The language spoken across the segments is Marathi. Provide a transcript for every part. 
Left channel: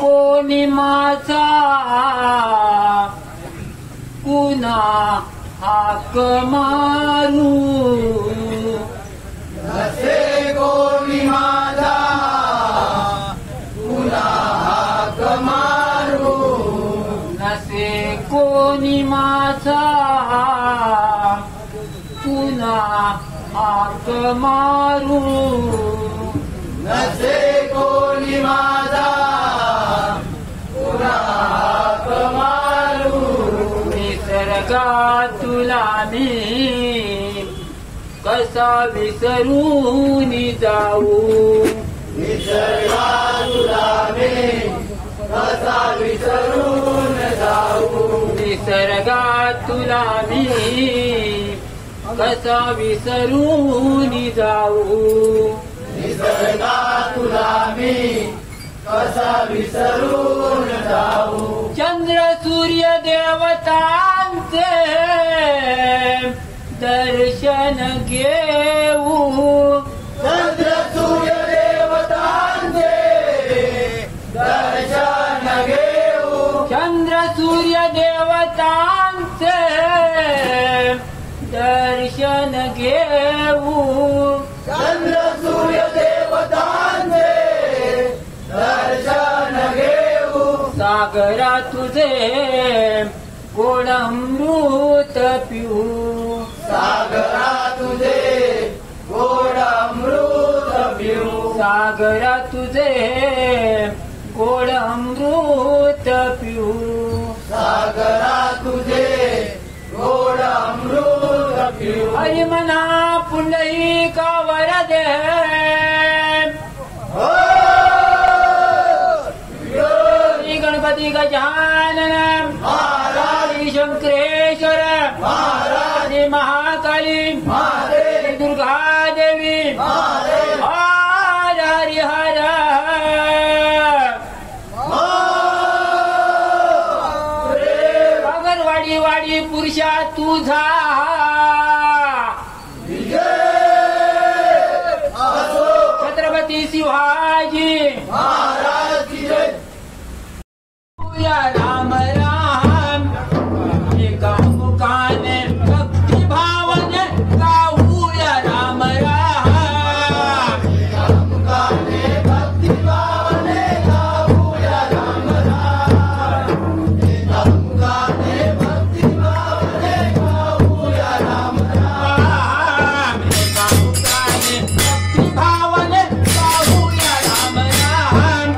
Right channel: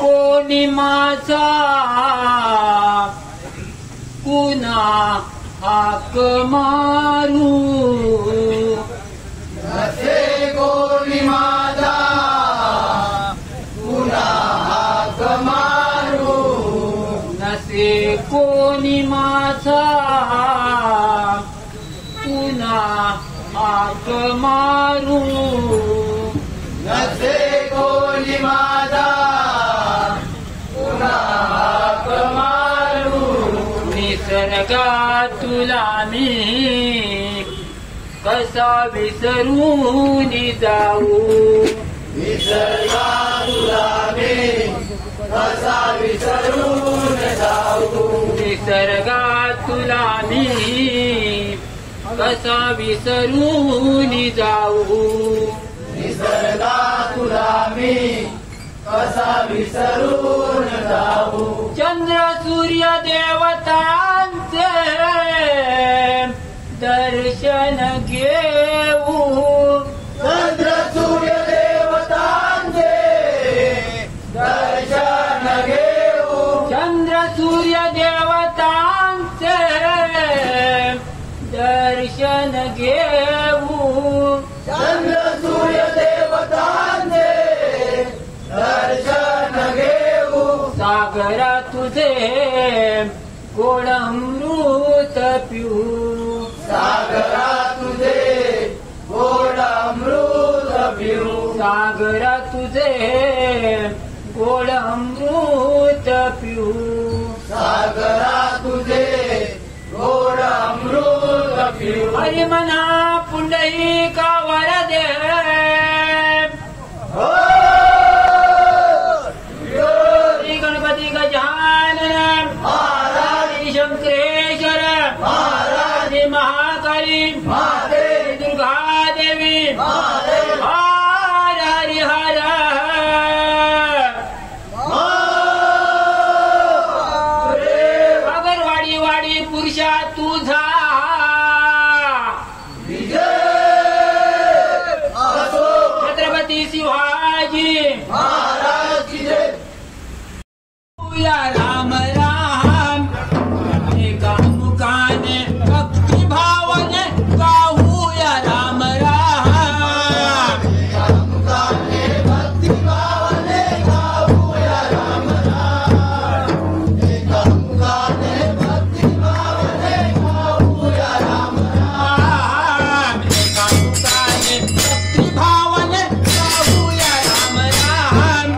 कोणी माझा पुन्हा हाक मारू नसे कोणी माझा पुन्हा हाक मारू नसे कोणी माझा पुन्हा हाक मारू नसे कोणी माझा पुन्हा हाक मारू निसर्गा तुला मी कसा विसरून जाऊ निसर्गा तुला मी कसा विसरून जाऊ निसर्गा तुला मी कसा विसरून जाऊ निसर्गा तुला मी कसा विसरून जाऊ चंद्र सूर्य देवतांचे दर्शन घेऊ चंद्र सूर्य देवतांचे दर्शन घेऊ चंद्र सूर्य देवतांचे दर्शन घेऊ चंद्र सूर्य देवतांचे दर्शन घेऊ सागरा तुझे गोड अमृत पिऊ सागरा तुझे गोड अमृत पिऊ सागरा तुझे गोड अमृत पिऊ सागरा तुझे गोड अमृत पिऊ हरी मना पुंडलिका वरदे हो श्री गणपती गजानन महाराज शंकरेश्वर महाराज श्री महाकाली महादेव श्री दुर्गा देवी महादेव हर हरि हर महादेव अगरवाडी वाडी पुरुषा तुझा विजय असो छत्रपती शिवाजी महाराज की जय या राम राम एका मुखाने भक्ती भावाने गाऊया राम राम मुखाने भक्ती भावाने गाऊया राम राम एका मुखाने भक्ती भावाने गाऊया राम राम एका मुखाने भक्ती भावाने गाऊया राम राम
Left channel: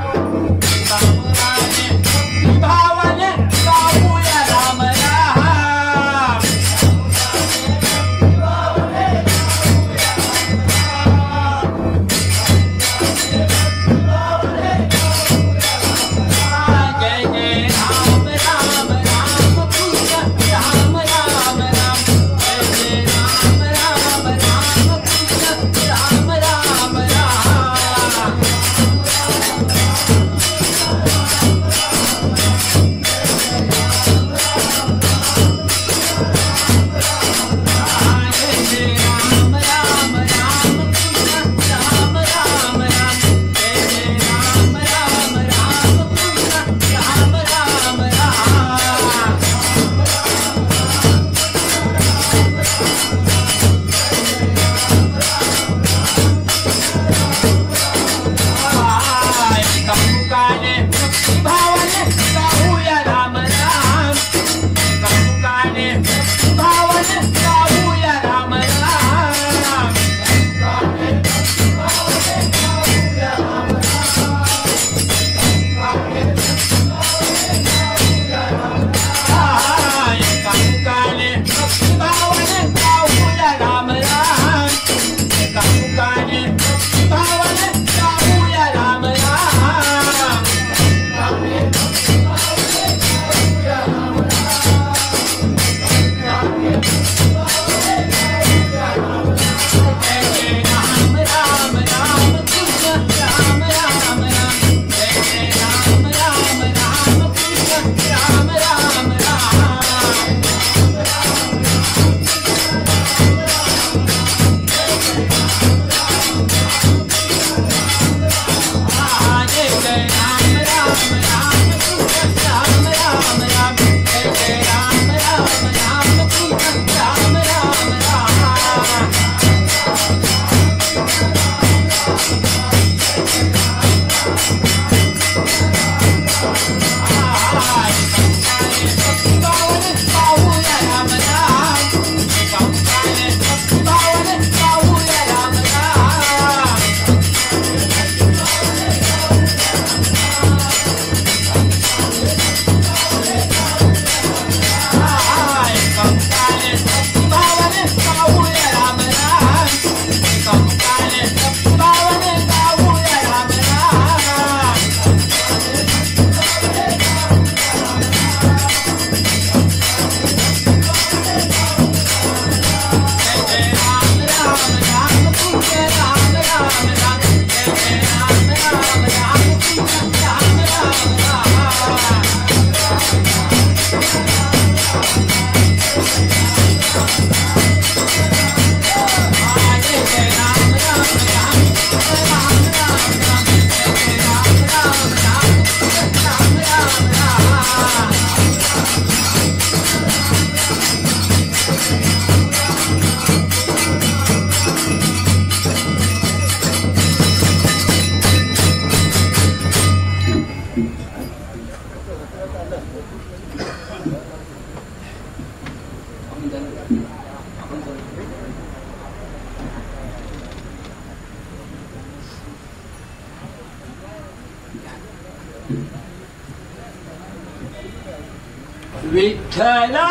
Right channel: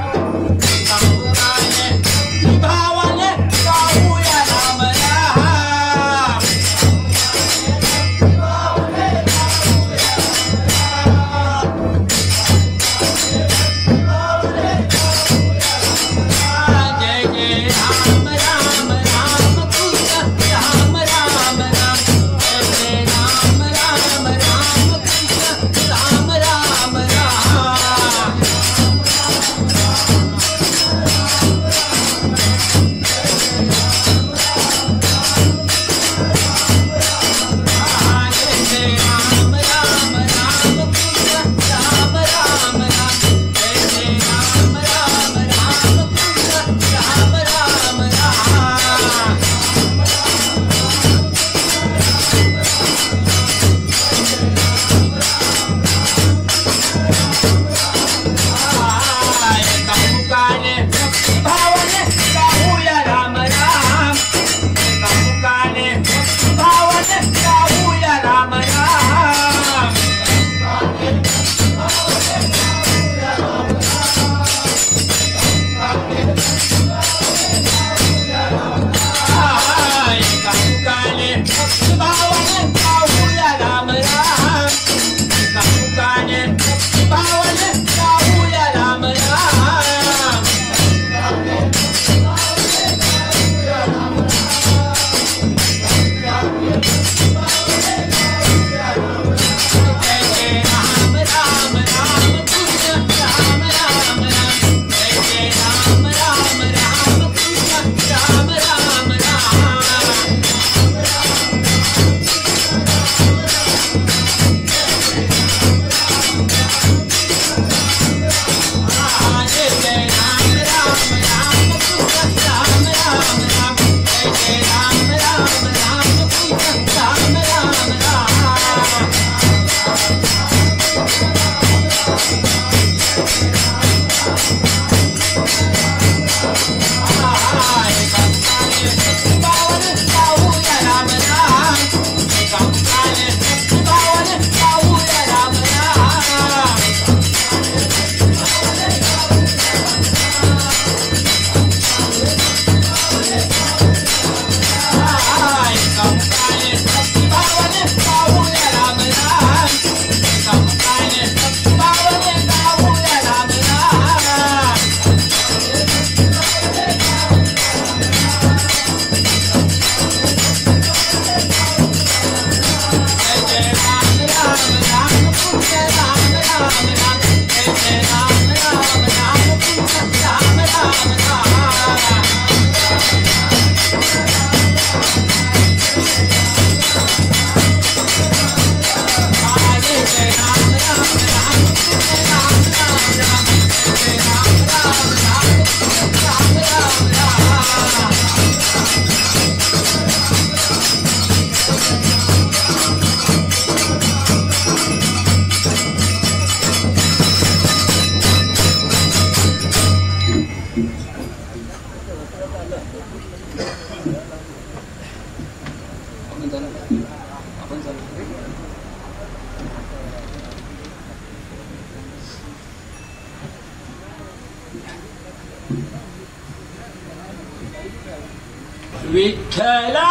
विठ्ठला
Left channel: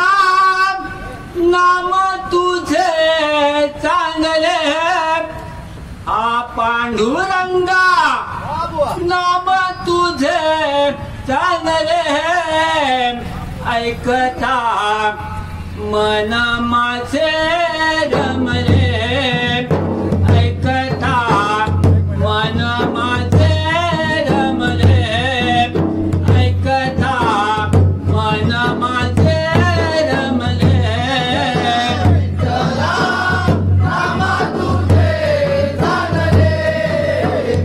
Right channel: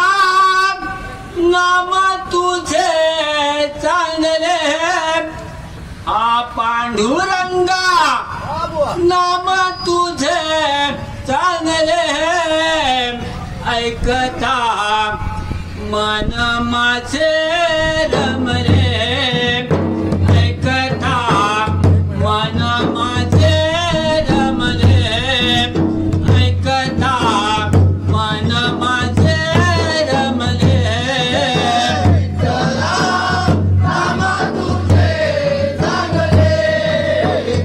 नाम तुझे चांगले आ पांडुरंगा नाम तुझे चांगले ऐकता मन माझे रमले ऐकता मन माझे रमले ऐकता मन माझे रमले नाम तुझे चांगले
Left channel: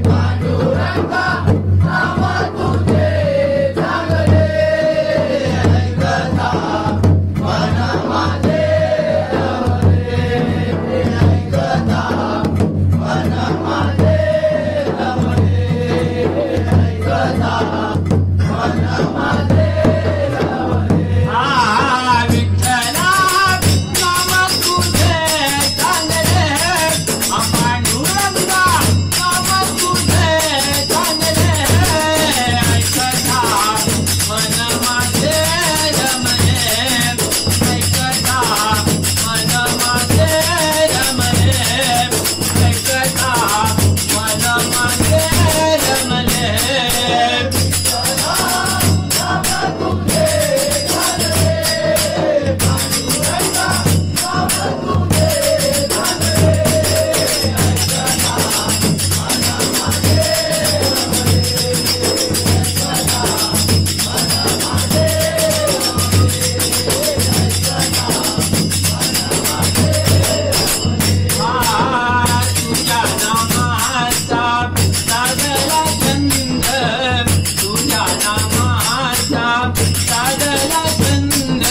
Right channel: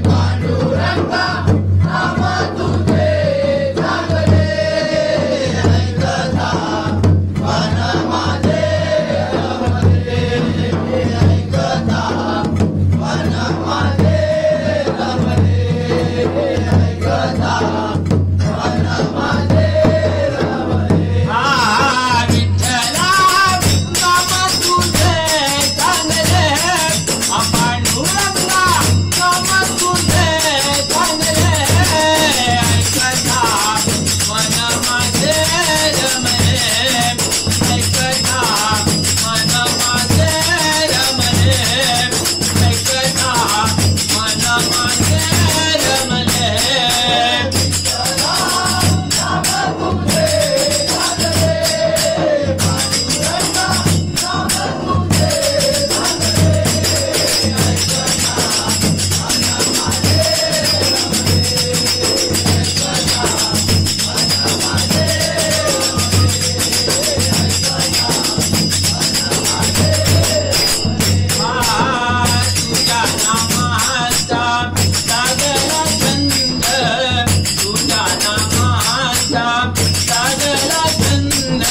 पांडुरंगा नाम तुझे चांगले ऐकता मन माझे रमले ऐकता मन माझे रमले ऐकता मन माझे विठ्ठला नाम तुझे चांगले पांडुरंगा नाम तुझे चांगले ऐकता मन माझे रमले ऐकता मन माझे रमले ऐकता मन माझे रमले तुझ्या नामाचा सागला चंद तुझ्या नामाचा सागला चंद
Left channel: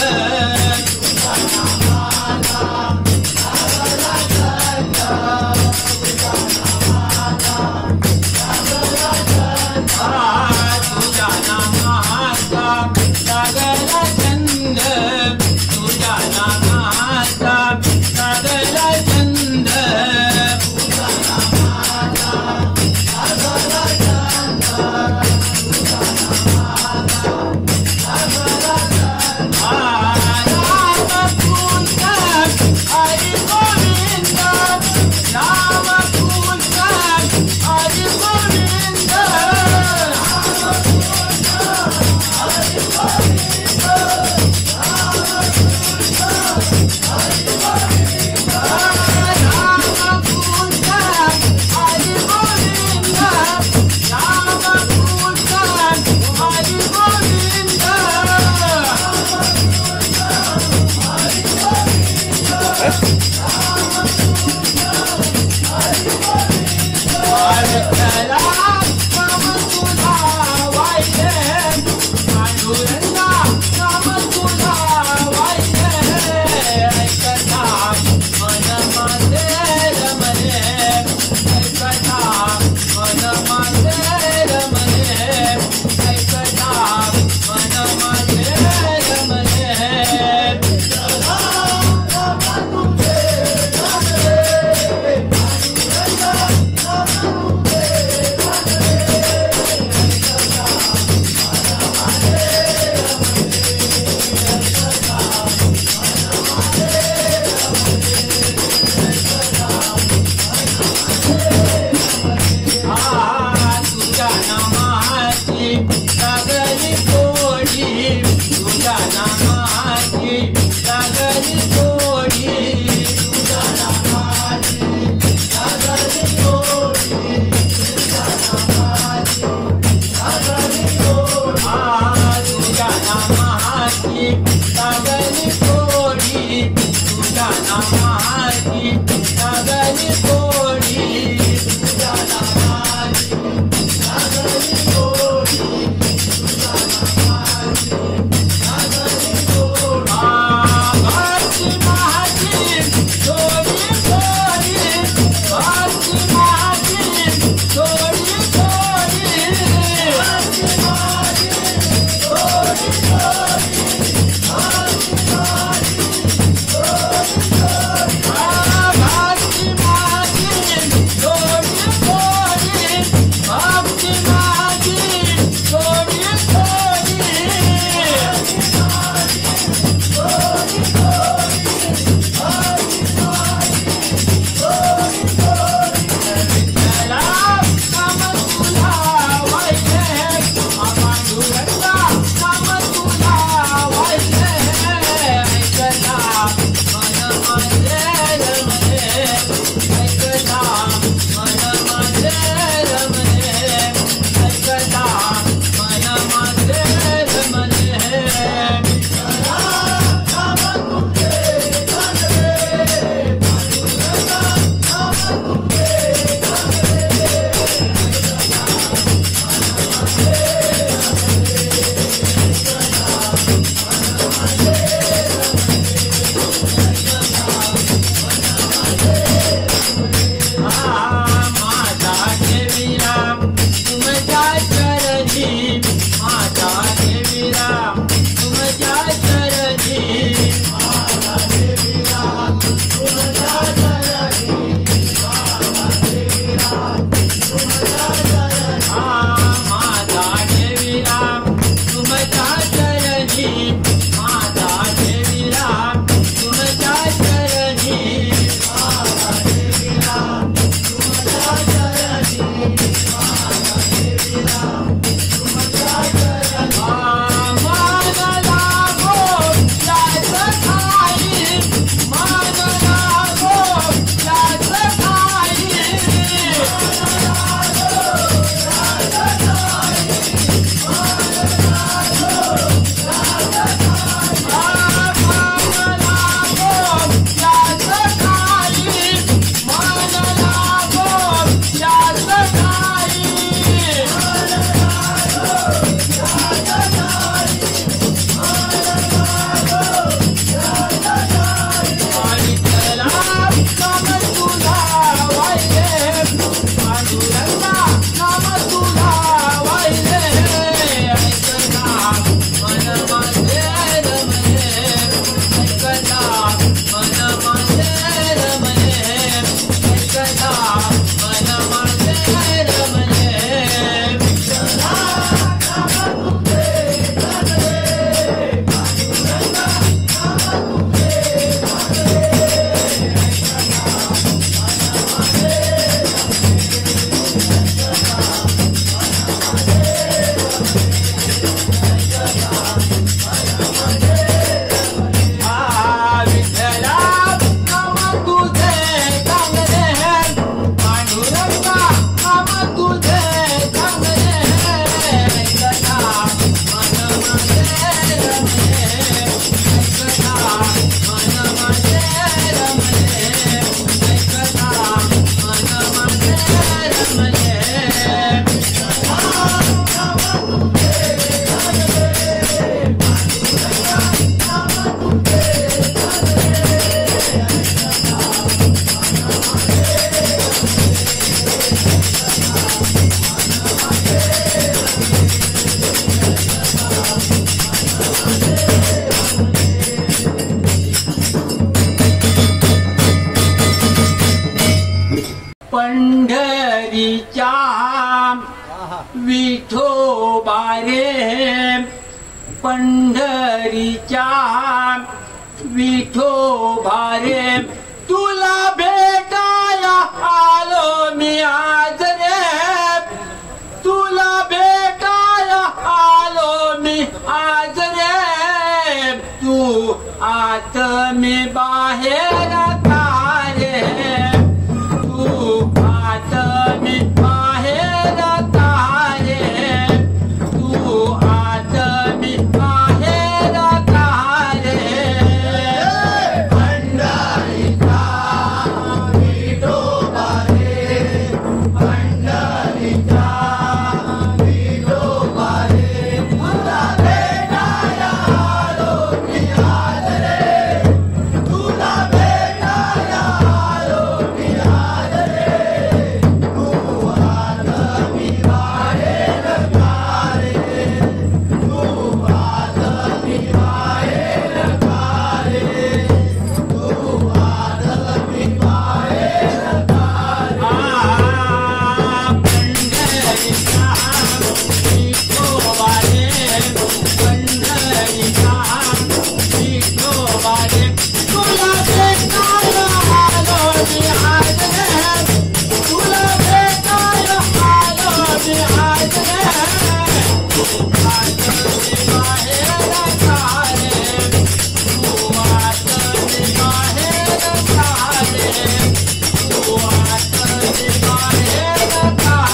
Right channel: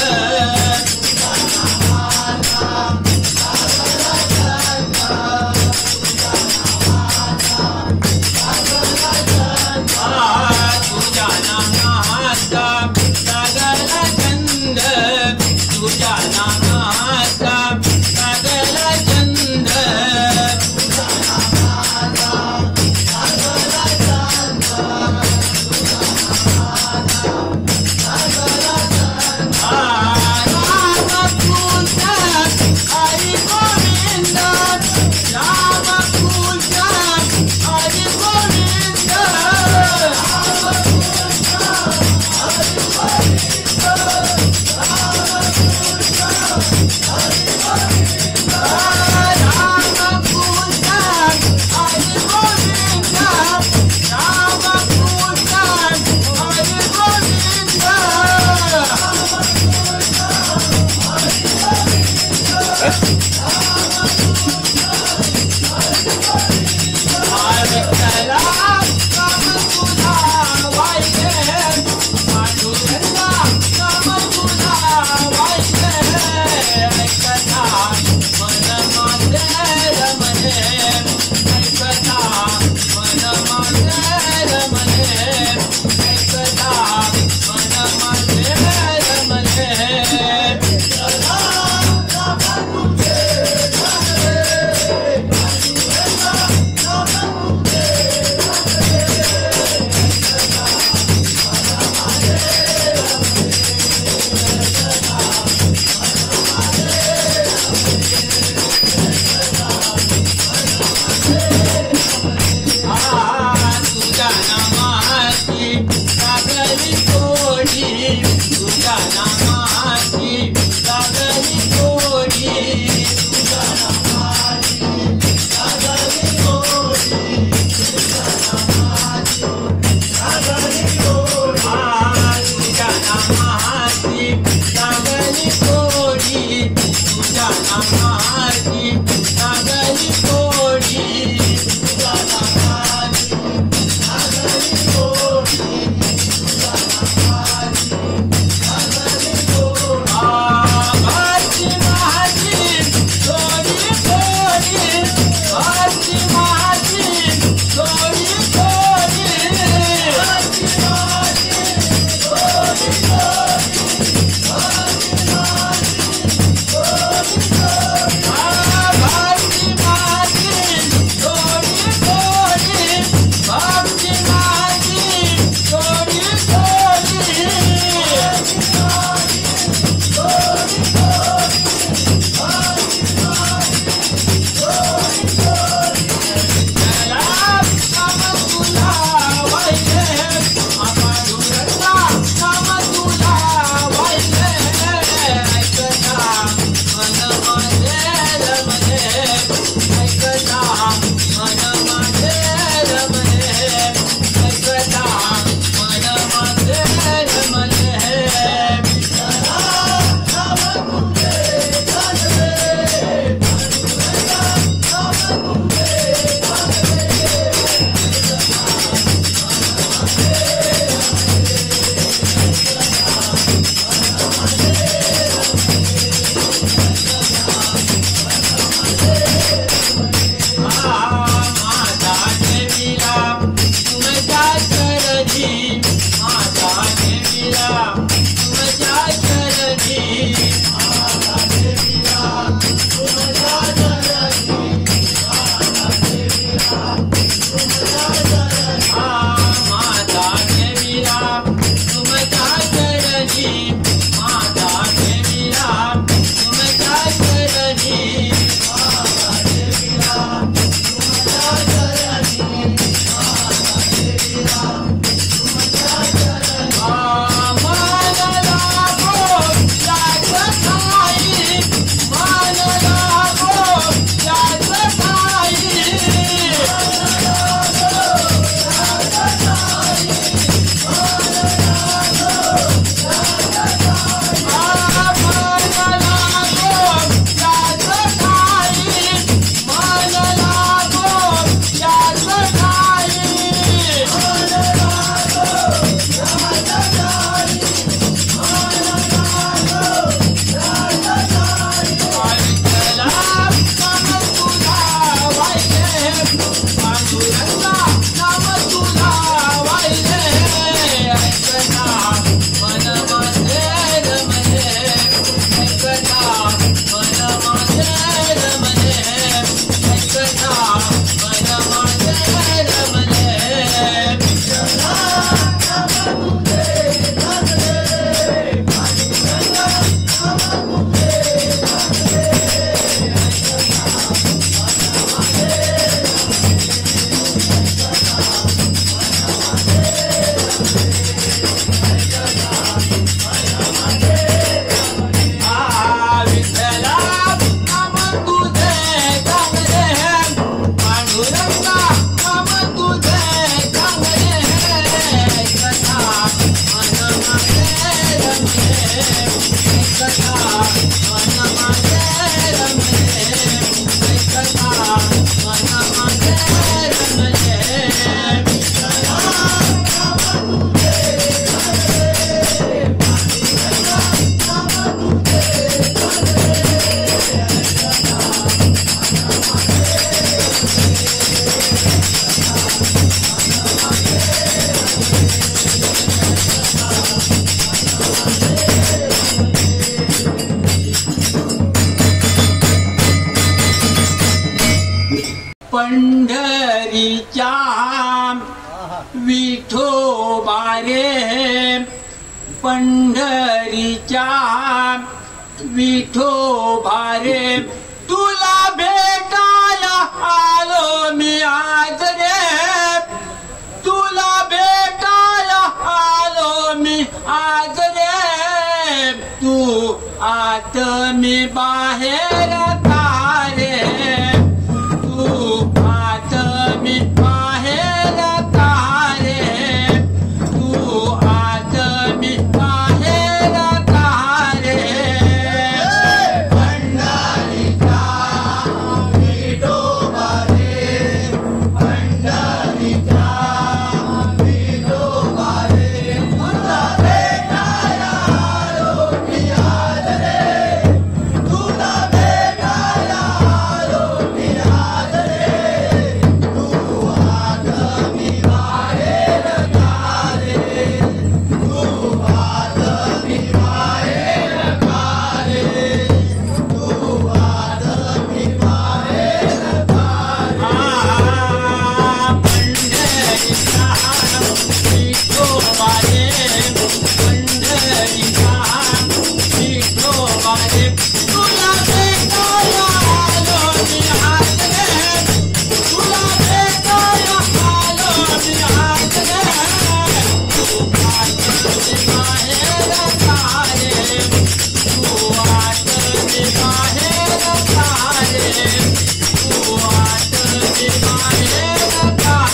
तुझ्या नामाचा सागला चंद तुझ्या नामाचा सागला चंद हरी गोविंद राम कृष्ण हरी गोविंद पंढरीच्या विठोबा रे, पंढरीच्या विठोबा रे, तुला भेटायला आलो मी आज रे, तुला भेटायला आलो मी आज रे, तू आत मी बाहेर तारे, तू आत मी बाहेर तारे, तू आत मी बाहेर तारे. पंढरीचा विठोबा रे, पंढरीचा विठोबा रे, तुला भेटायला आलो मी आज रे, तुला भेटायला आलो मी आज रे, तू आत मी बाहेर तारे, तू आत मी बाहेर तारे, तू आत मी बाहेर तारे. पंढरीचा विठोबा रे, पंढरीचा विठोबा रे, तुला भेटायला आलो मी आज रे, तुला भेटायला आलो मी आज रे, तू आत मी बाहेर तारे, तू आत मी बाहेर तारे, तू आत मी बाहेर तारे.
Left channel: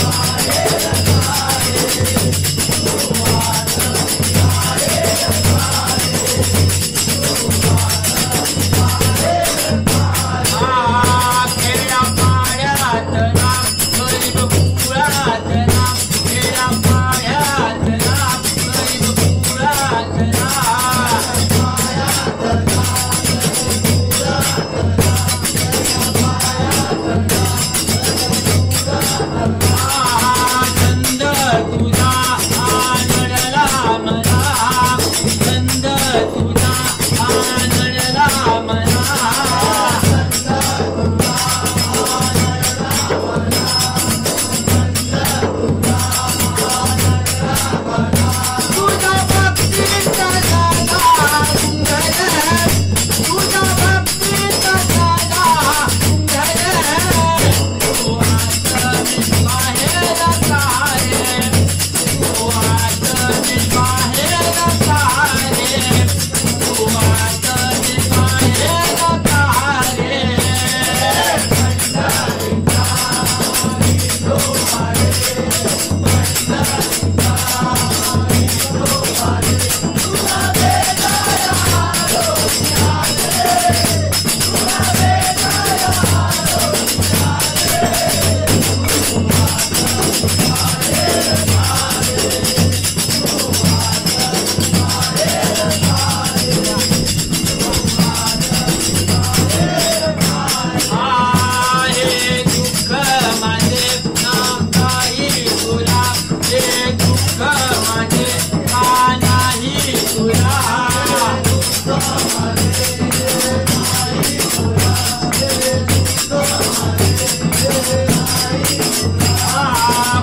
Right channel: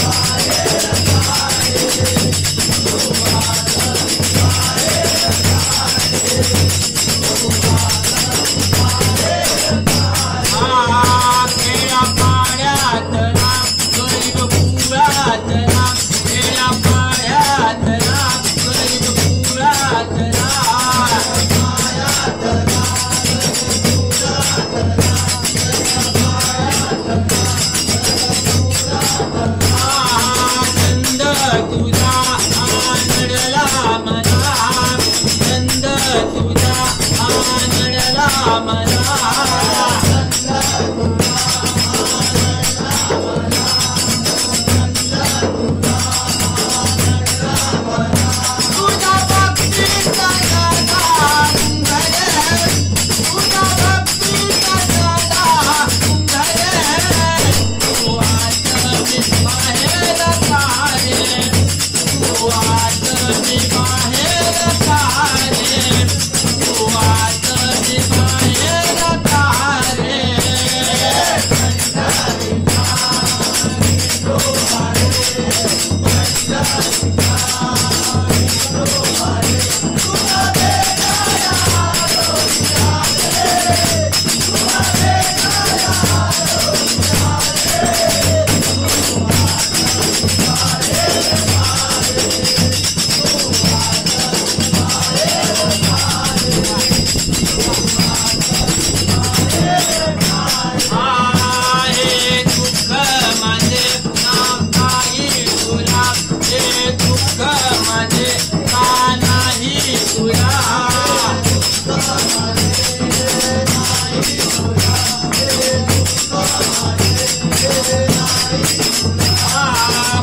Bye.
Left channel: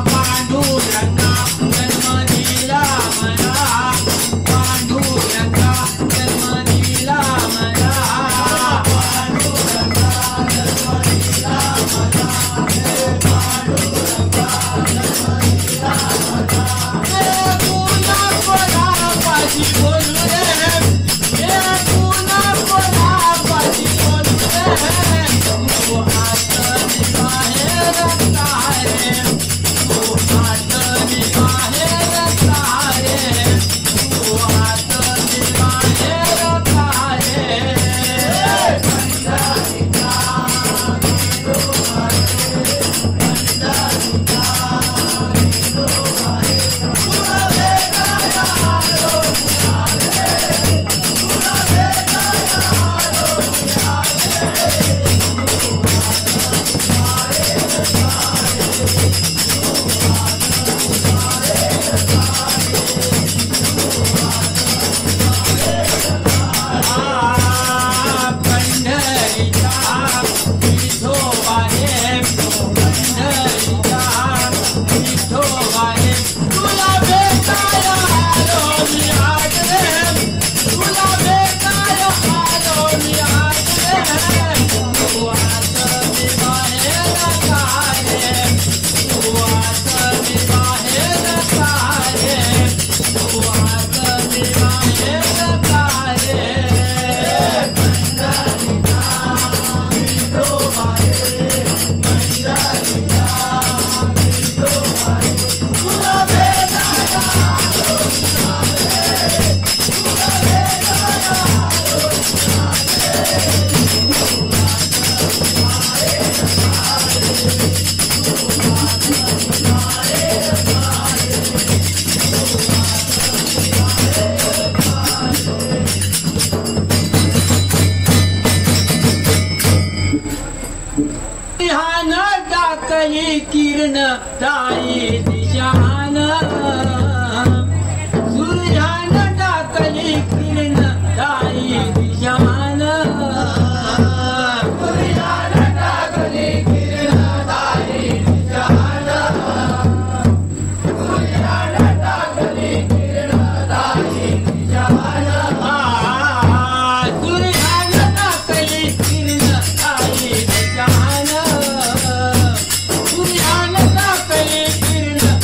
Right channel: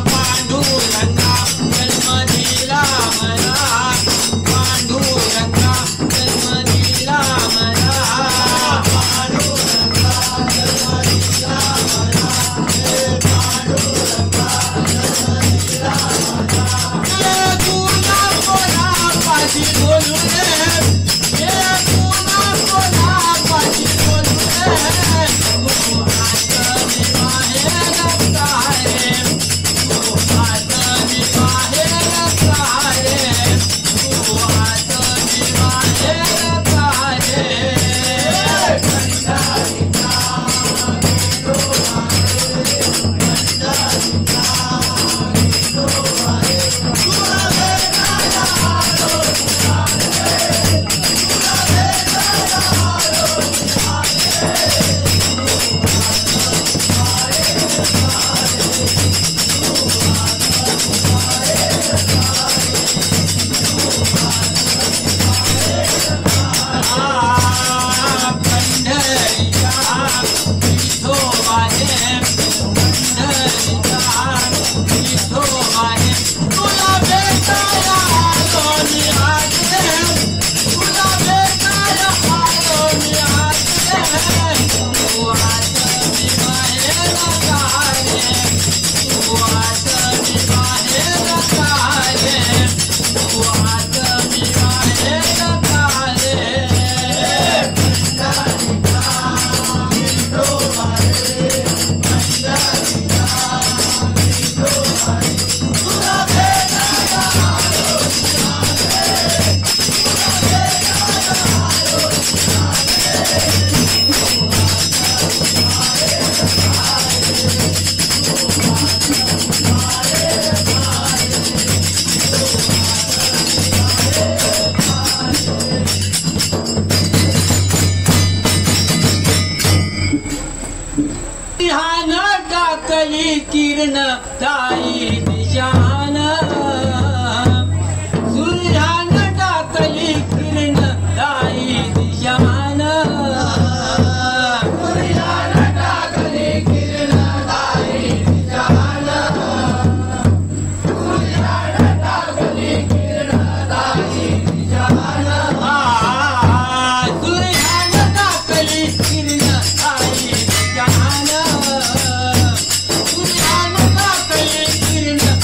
पांडुरंगा जन्म दिला मला पांडुरंगा जन्म दिला मला किरण ताई दिशान सूर्यान टाकली किरण ताई दिशान सूर्यान टाकली किरण ताई दिशान सूर्यान टाकली किरण ताई दिशान सूर्यान टाकली किरण ताई दिशान सूर्यान टाकली किरण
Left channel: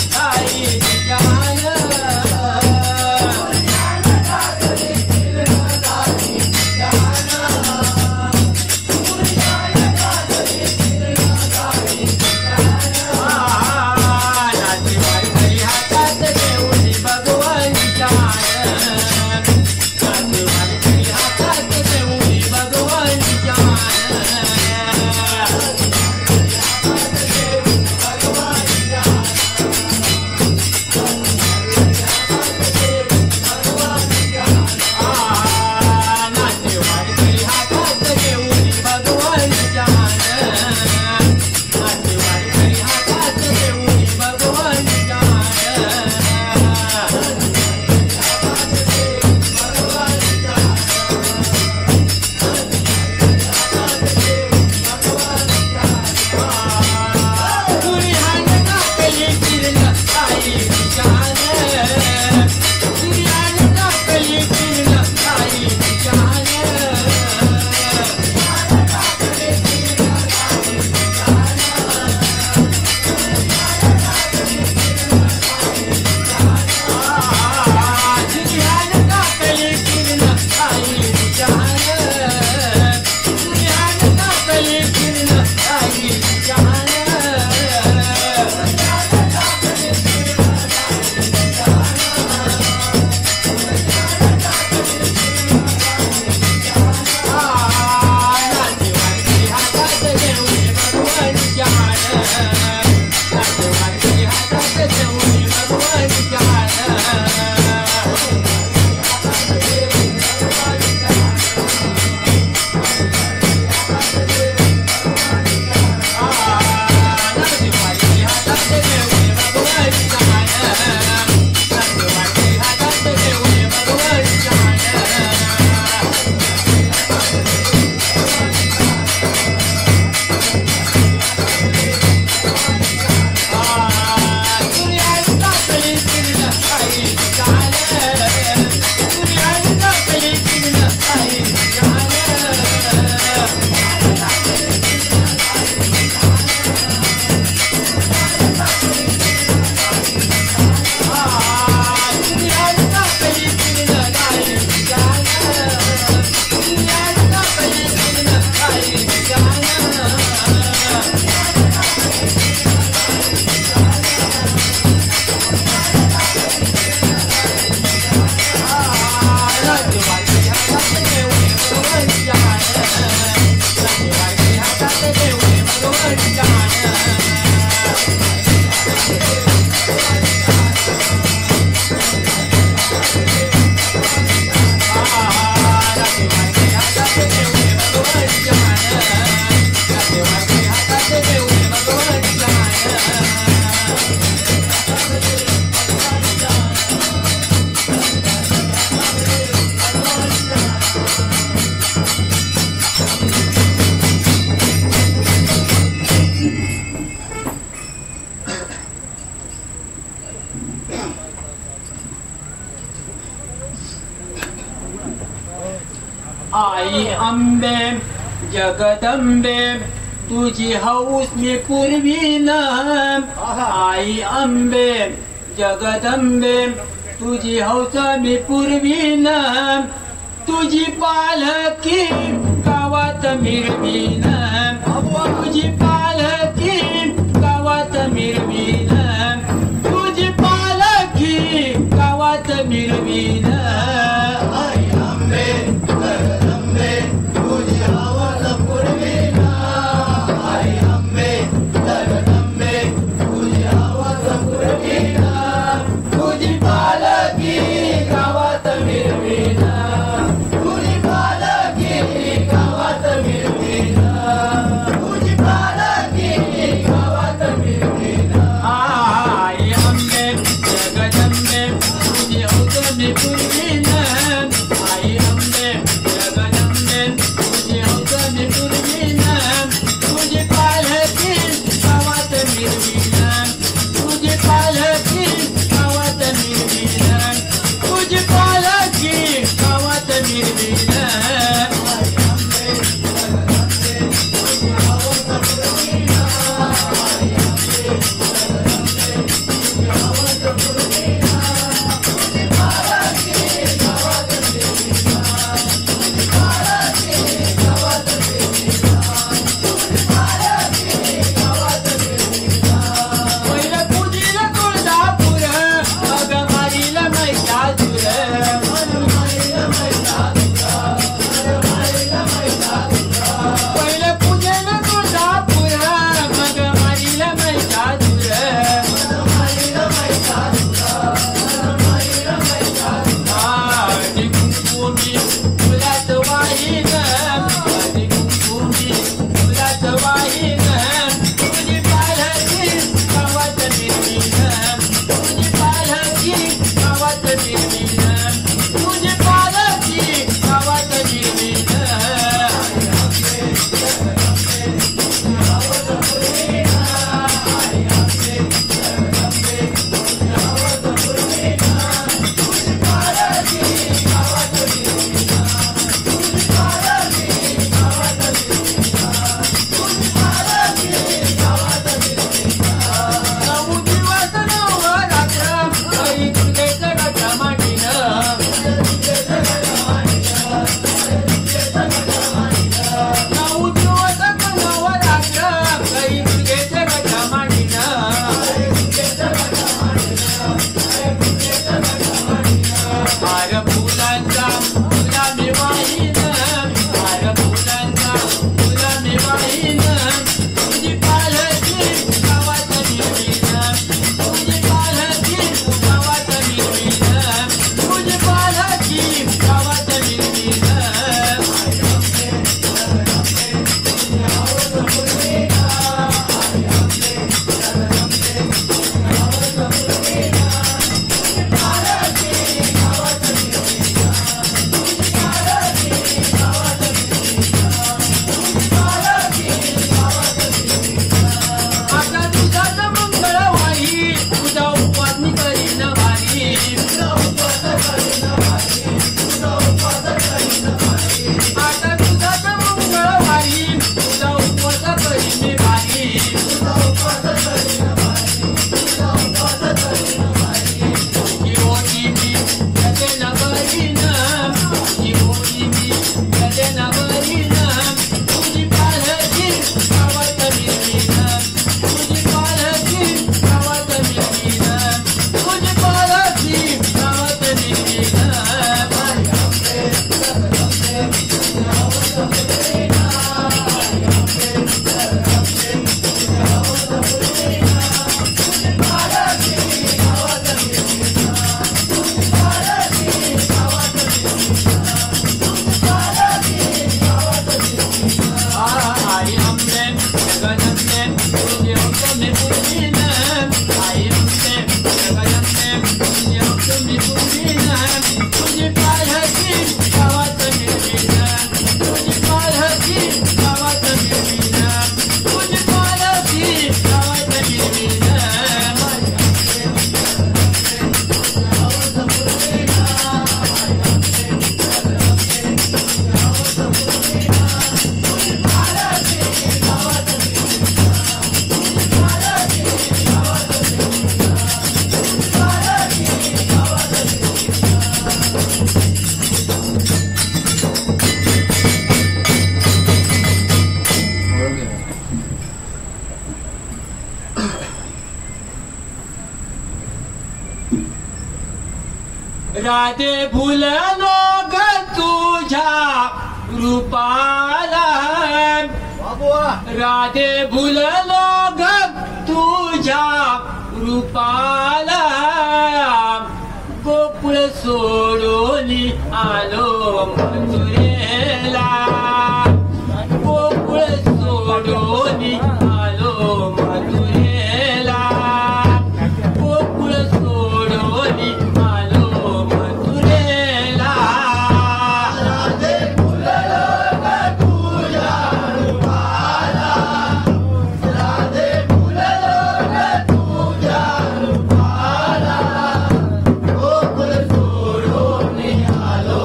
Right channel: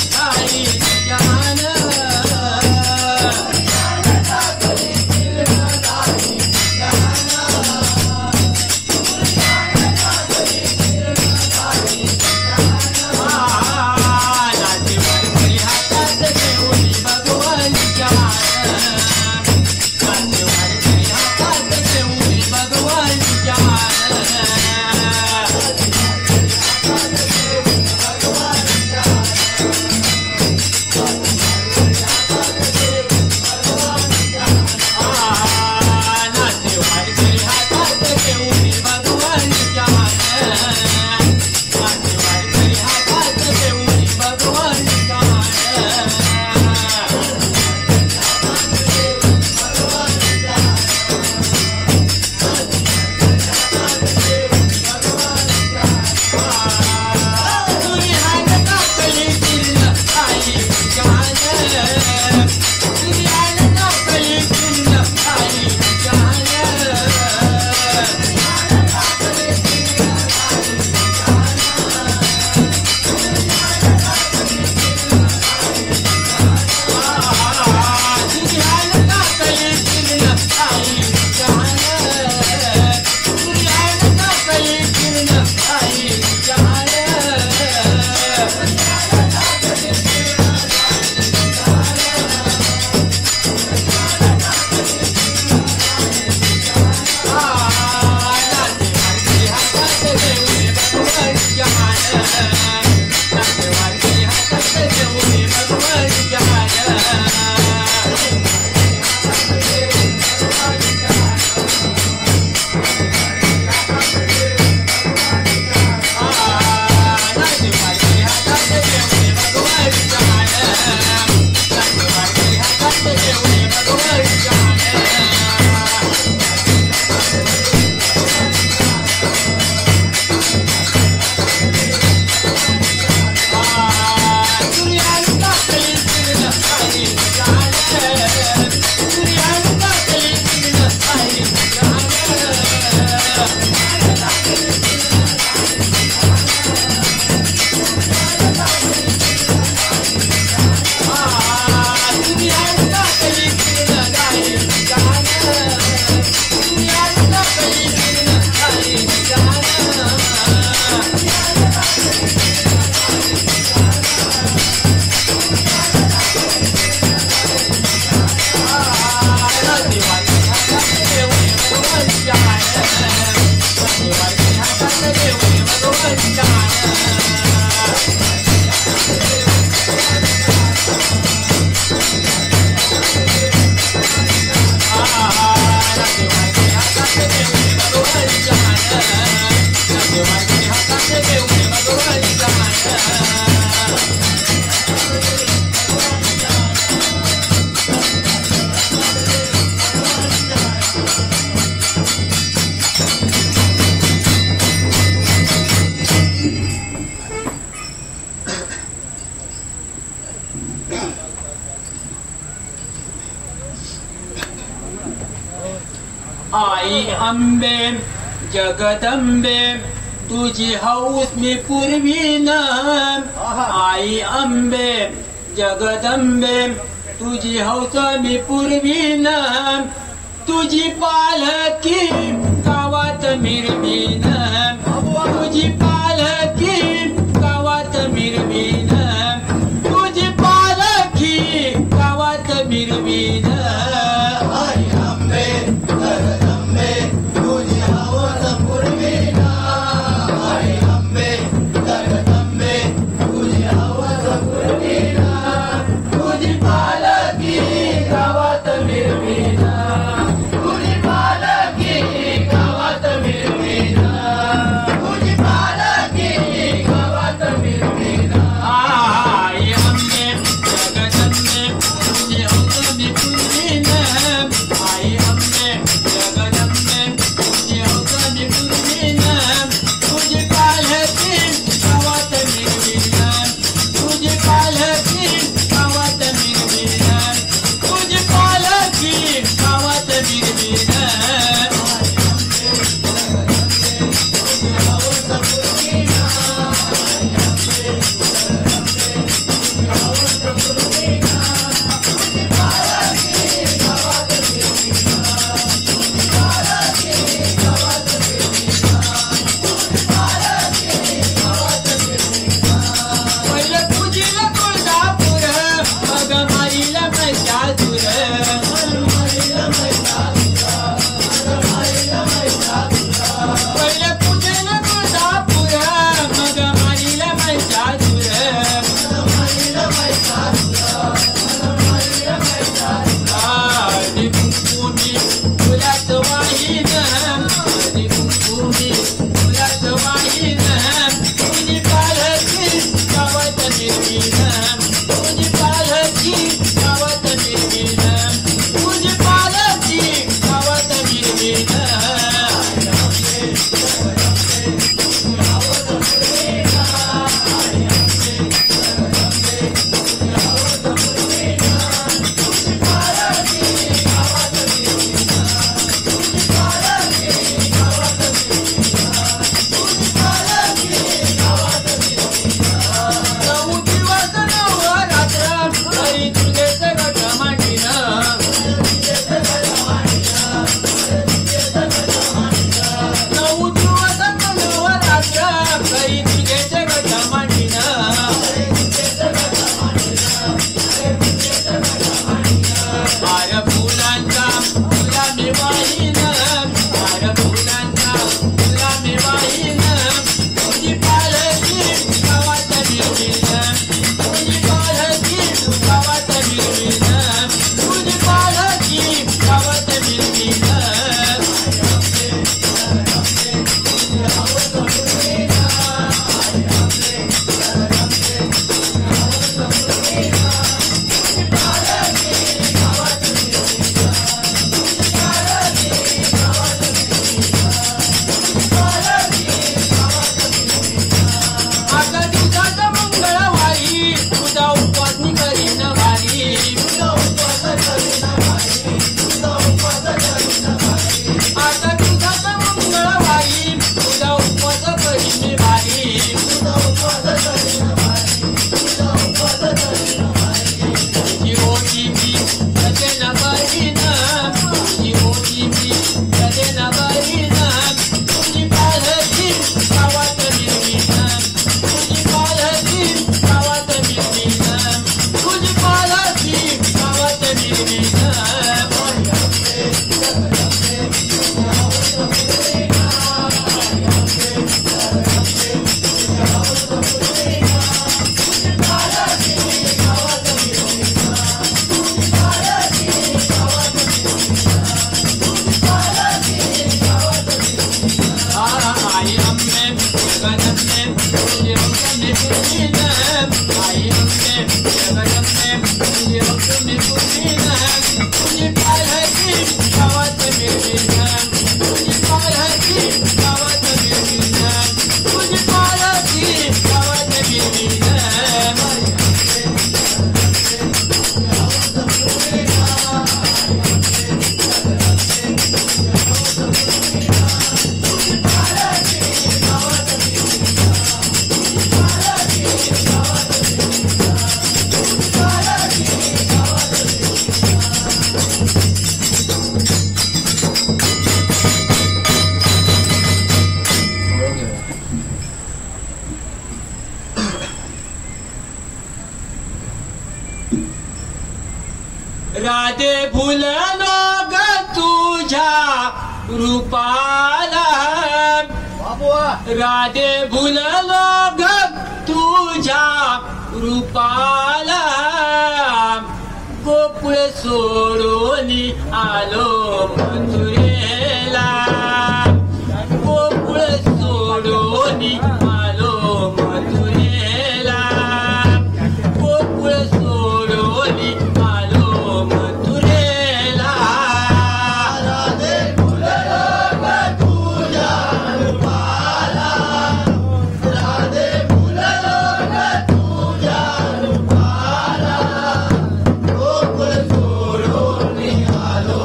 अंबे जगदंबे तुझी हौस मी पूर्वीन आई अंबे जगदंबे तुझी हौस मी पूर्वीन तुझी पालकी गावात मिरवीन तुझी पालकी गावात मिरवीन तुझी पालकी गावात मिरवीन आई अंबे जगदंबे तुझी हौस पूर्वीन आई अंबे जगदंबे तुझी हौस पूर्वीन तुझी पालकी गावात मिरवीन तुझी पालकी गावात मिरवीन तुझी पालकी गावात मिरवीन आई अंबे जगदंबे तुझी हौस मी पूर्वीन आई अंबे जगदंबे तुझी हौस मी पूर्वीन तुझी पालकी गावात मिरवीन तुझी पालकी गावात मिरवीन तुझी पालकी गावात मिरवीन पहिलं पूजेला तुळजापूर मग माईला महिषासूर पहिलं पूजेला तुळजापूर मग माईला महिषासूर आधी कुंकुमी फुलात वाहीन आधी कुंकुमी फुलात वाहीन तुझी पालकी गावात मिरवीन तुझी पालकी गावात मिरवीन तुझी पालकी गावात मिरवीन नऊ दिवस नवरात्र आई दुर्गेचं गटमाटीन नऊ दिवस नवरात्र आई दुर्गेचं गटमाटीन हार फुलांचा तुला मी वाहीन हार फुलांचा तुला मी वाहीन तुझी पालकी गावात मिरवीन तुझी पालकी गावात मिरवीन तुझी पालकी गावात मिरवीन आता तुझ्याचा मंगळवारी तुझा उपवास मी करीन भारी आता तुझ्याचा मंगळवारी तुझा उपवास करीन मी भारी तुझी होती मी सगळ्यांना बरीन तुझी होती मी सगळ्यांना बरीन तुझी पालकी गावात मिरवीन तुझी पालकी गावात मिरवीन तुझी पालकी गावात मिरवीन आई अंबे जगदंबे तुझी हौस मी पूर्वीन आई अंबे जगदंबे तुझी हौस मी पूर्वीन तुझी पालकी गावात मिरवीन तुझी पालकी गावात मिरवीन तुझी पालकी गावात मिरवीन Thank you. राधे भुललो ग तुझ्या रूपाला राधे भुललो ग तुझ्या रूपाला गोकुळ सोडून आलो मथुरेला गोकुळ सोडून आलो मथुरेला गोकुळ सोडून आलो मथुरेला राधे फुललो ग तुझ्या रूपाला राधे फुललो ग तुझ्या रूपाला गोकुळ सोडून आलो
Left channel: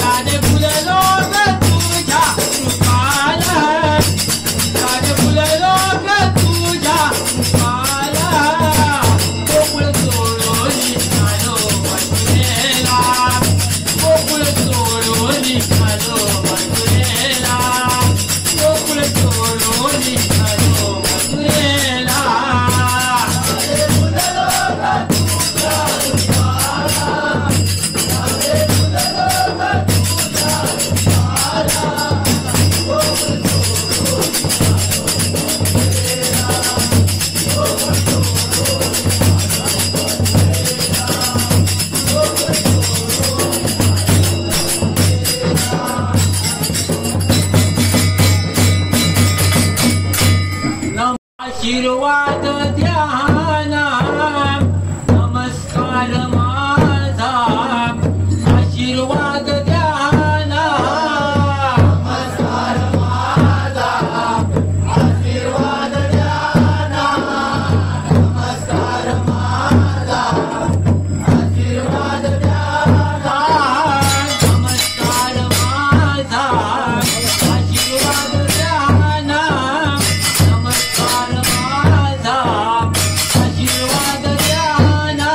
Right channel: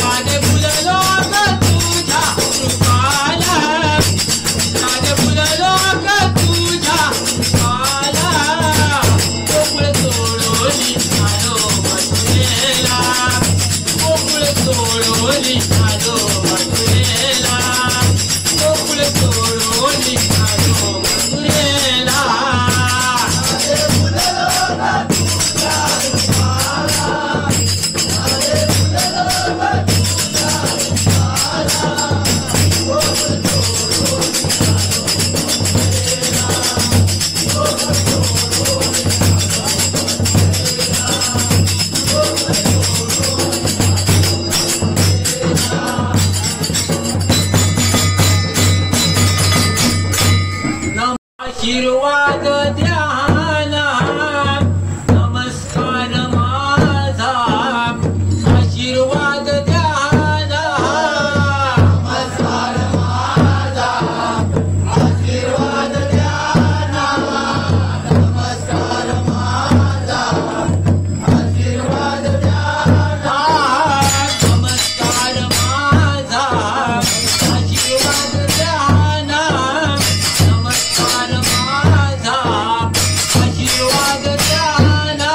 राधे फुललो ग तुझ्या रूपाला राधे फुललो ग तुझ्या रूपाला गोकुळ सोडून आलो मथुरेला गोकुळ सोडून आलो मथुरेला गोकुळ सोडून आलो मथुरेला आशीर्वाद द्याना नमस्कार माझा आशीर्वाद द्याना नमस्कार माझा आशीर्वाद द्याना नमस्कार माझा आशीर्वाद द्याना नमस्कार माझा आशीर्वाद द्याना नमस्कार माझा आशीर्वाद द्याना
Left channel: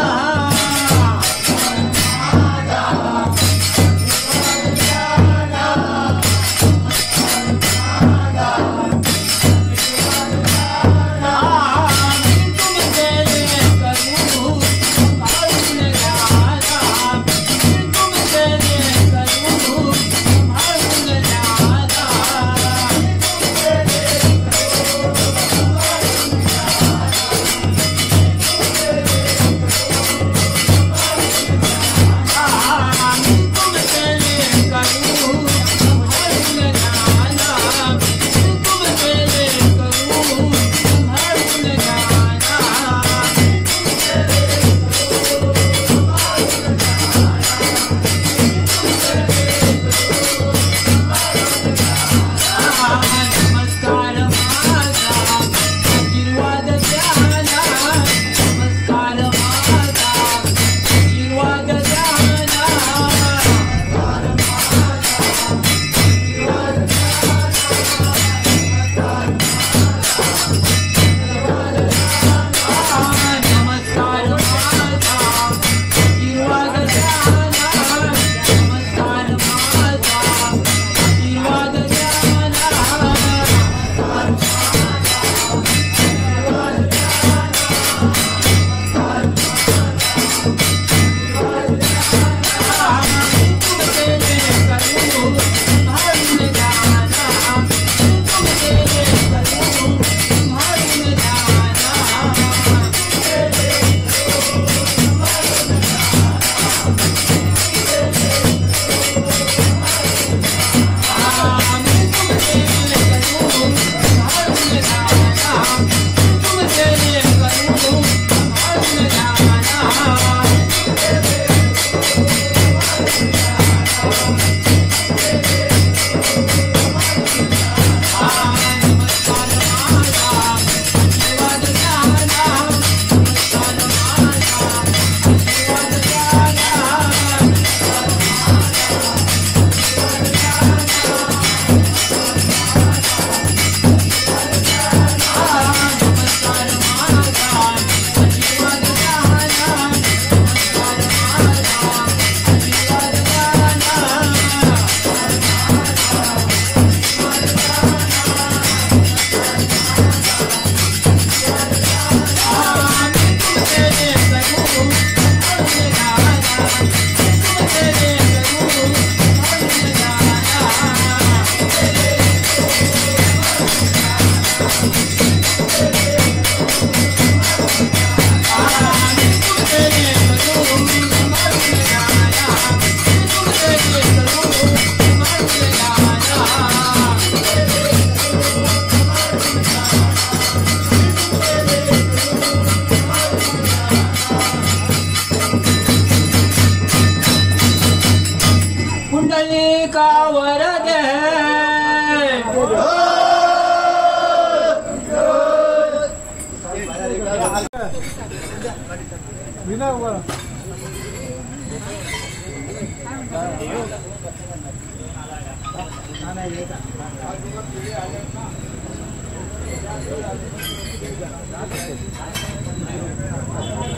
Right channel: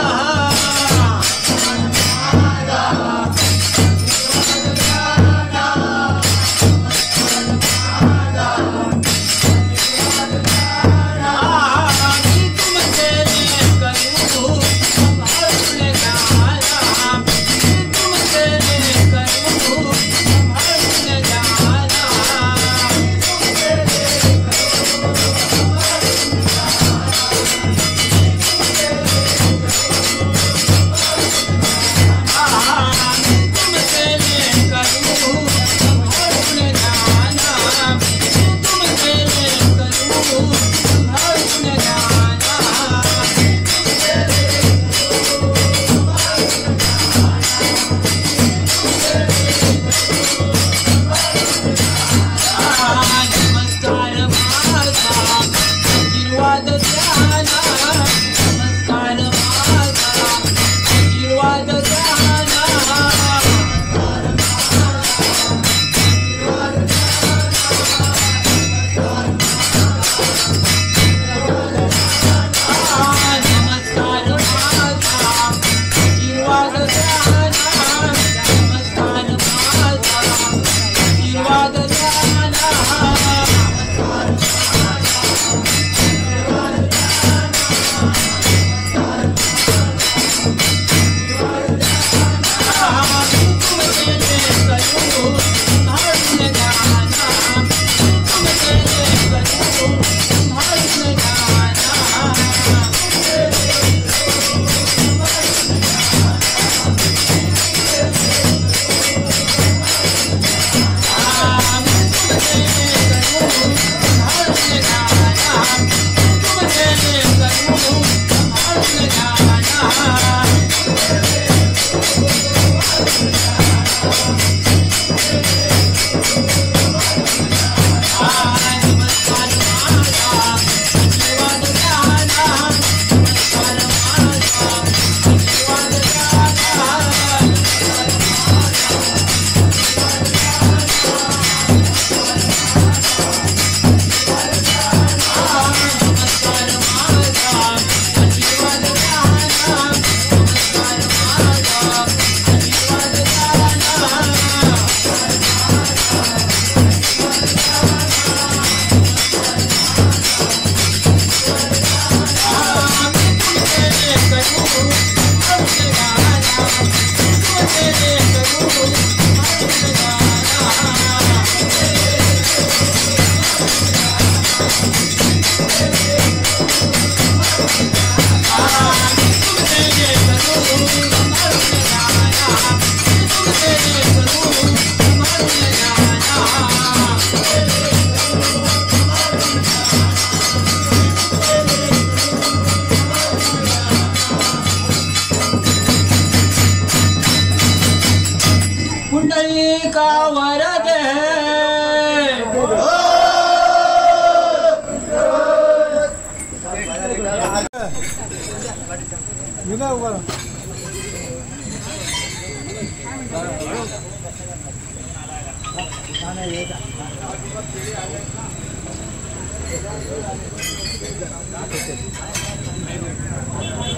नाही